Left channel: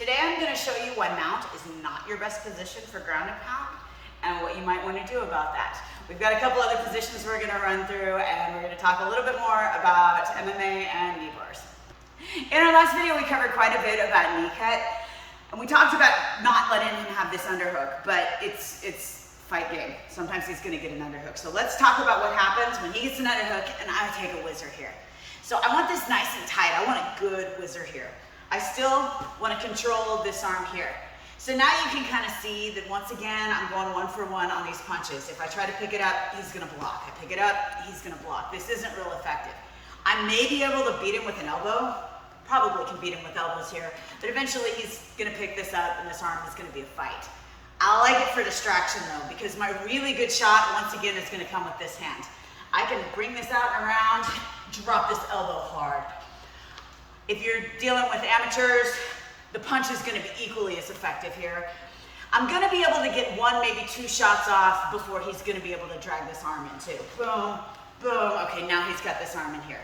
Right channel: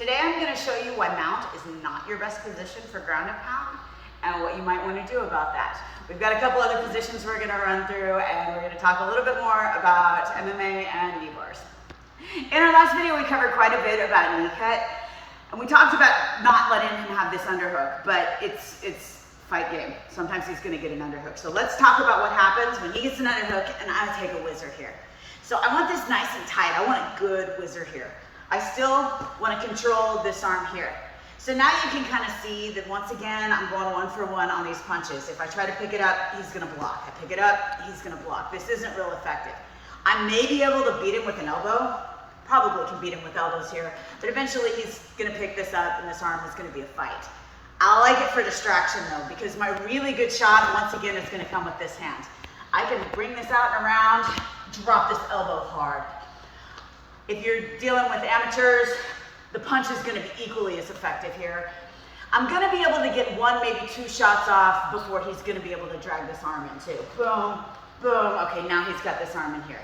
Today I'm going to show you why mount is not your best position for ground and pound and what you might want to do about that. We've got a couple other positions we're going to run through, and we're going to talk a little bit more about MMA and Kneebars. In our last video we covered quite a bit about knee cut, and we talked about not letting him have this underhook, but it's fight game. Sometimes he's going to get an underhook. So let's talk about what happens when he gets an underhook and I take a whizzer here. So I want this nice and tight. I want a good whizzer here. I still want to control this arm here. So now you can kind of see that once again, I'm going 1-for-1 on these punches. If I try to pick it up, he's going to block. I pick it up, he's going to block. This isn't real effective. I may be able to beat him with an elbow. Probably can beat him with elbows here. But eventually he's going to pick this up and this arm is going to be a fight. I like it for distraction though, because my really good shot, once again, is going to come with this hand. I can bring this out and around, drop this elbow hard. If you're dealing with amateurs, the punch is going to be equally as effective here. I'm going to be able to get 1, maybe 2 shots off before he's going to be able to drag this arm in too. Boom, boom. Okay, now he's got this arm in here.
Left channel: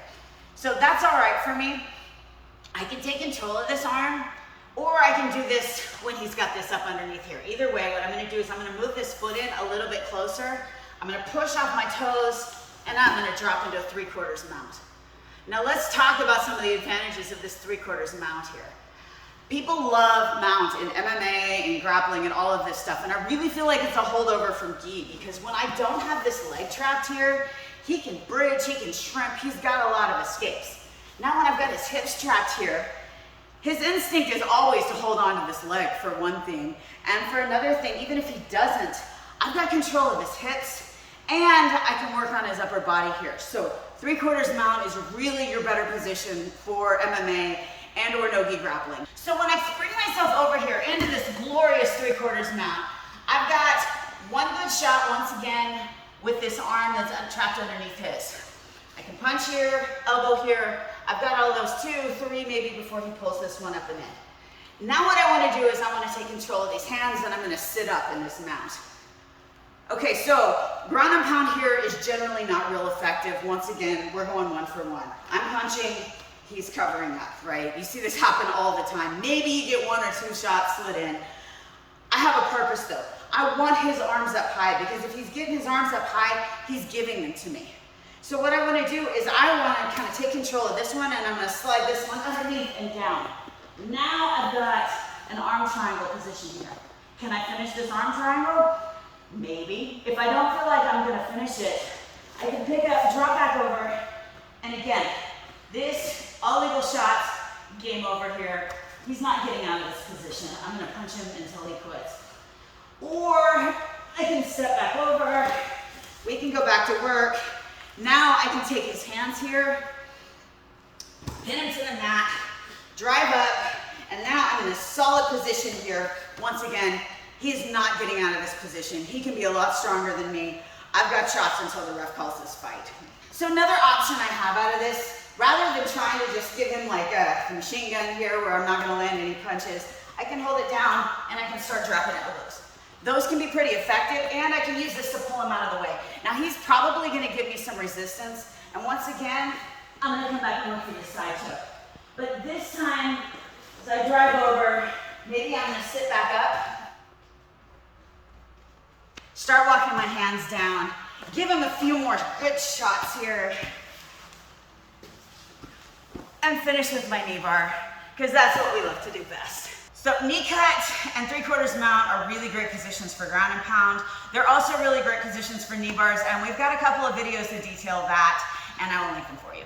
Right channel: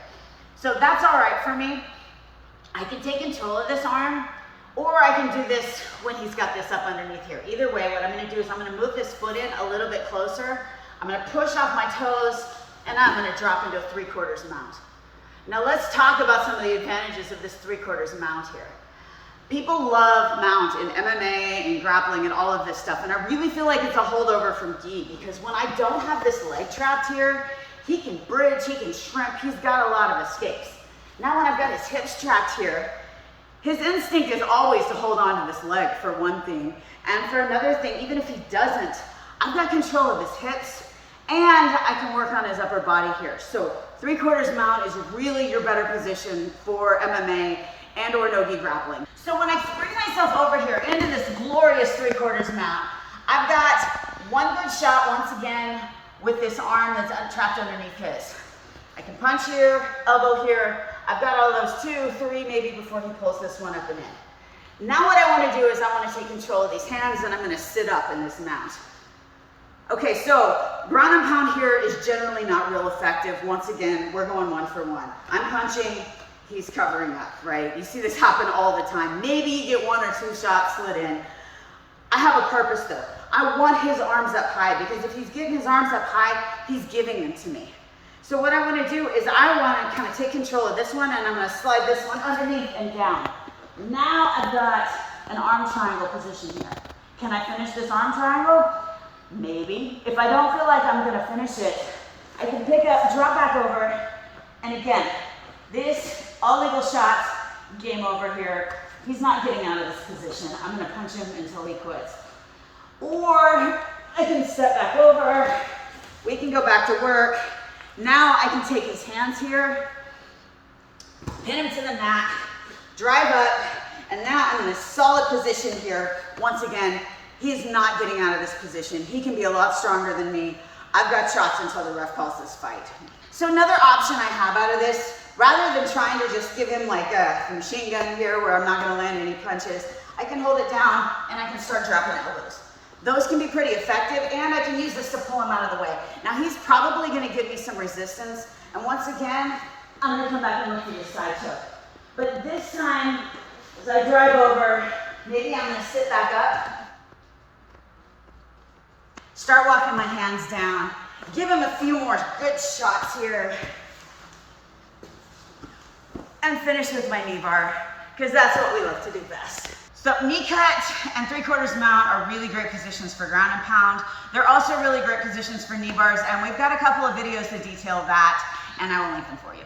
So that's all right for me. I can take control of this arm, or I can do this when he's got this up underneath here. Either way, what I'm going to do is I'm going to move this foot in a little bit closer. I'm going to push off my toes, and I'm going to drop into a 3/4 mount. Now let's talk about some of the advantages of this 3/4 mount here. People love mount in MMA and grappling and all of this stuff, and I really feel like it's a holdover from gi, because when I don't have this leg trapped here, he can bridge, he can shrimp, he's got a lot of escapes. Now when I've got his hips trapped here, his instinct is always to hold on to this leg for one thing, and for another thing, even if he doesn't, I've got control of his hips, and I can work on his upper body here. So 3/4 mount is really your better position for MMA and or nogi grappling. So when I bring myself over here into this glorious 3/4 mount, I've got one good shot once again with this arm that's trapped underneath his. I can punch here, elbow here. I've got all those 2, 3 maybe before he pulls this one up and in. Now what I want to do is I want to take control of these hands, and I'm going to sit up in this mount. Okay, so ground and pound here is generally not real effective. Once again, we're going 1-for-1. I'm punching, he's covering up, right? You see this happen all the time. Maybe you get 1 or 2 shots slid in. I have a purpose though. I want his arms up high, because if he's getting his arms up high, he's giving them to me. So what I want to do is I want to kind of take control of this one, and I'm going to slide this one underneath and down. Now I've got an arm triangle position here. Can I finish this arm triangle? Maybe. If I don't feel like I'm going to finish it, I can pick up, drop back over, and again, this, all legal shots, game over here. He's not getting out of this position. I'm going to punch him until he quits. Or I can step back over, we can go back to work. Now I can take his hands here, pin him to the mat, drive up, and now I'm in a solid position here. Once again, he's not getting out of this position. He can be a lot stronger than me. I've got shots until the ref calls this fight. So another option I have out of this, rather than trying to just give him like a machine gun here where I'm not going to land any punches, I can hold it down and I can start dropping elbows. Those can be pretty effective, and I can use this to pull him out of the way. Now he's probably going to give me some resistance, and once again, I'm going to come back and look for this side choke. But this time, as I drive over, maybe I'm going to sit back up, start walking my hands down, give him a few more good shots here, and finish with my knee bar, because that's what we love to do best. So knee cut and 3/4 mount are really great positions for ground and pound. They're also really great positions for knee bars, and we've got a couple of videos that detail that, and I will link them for you.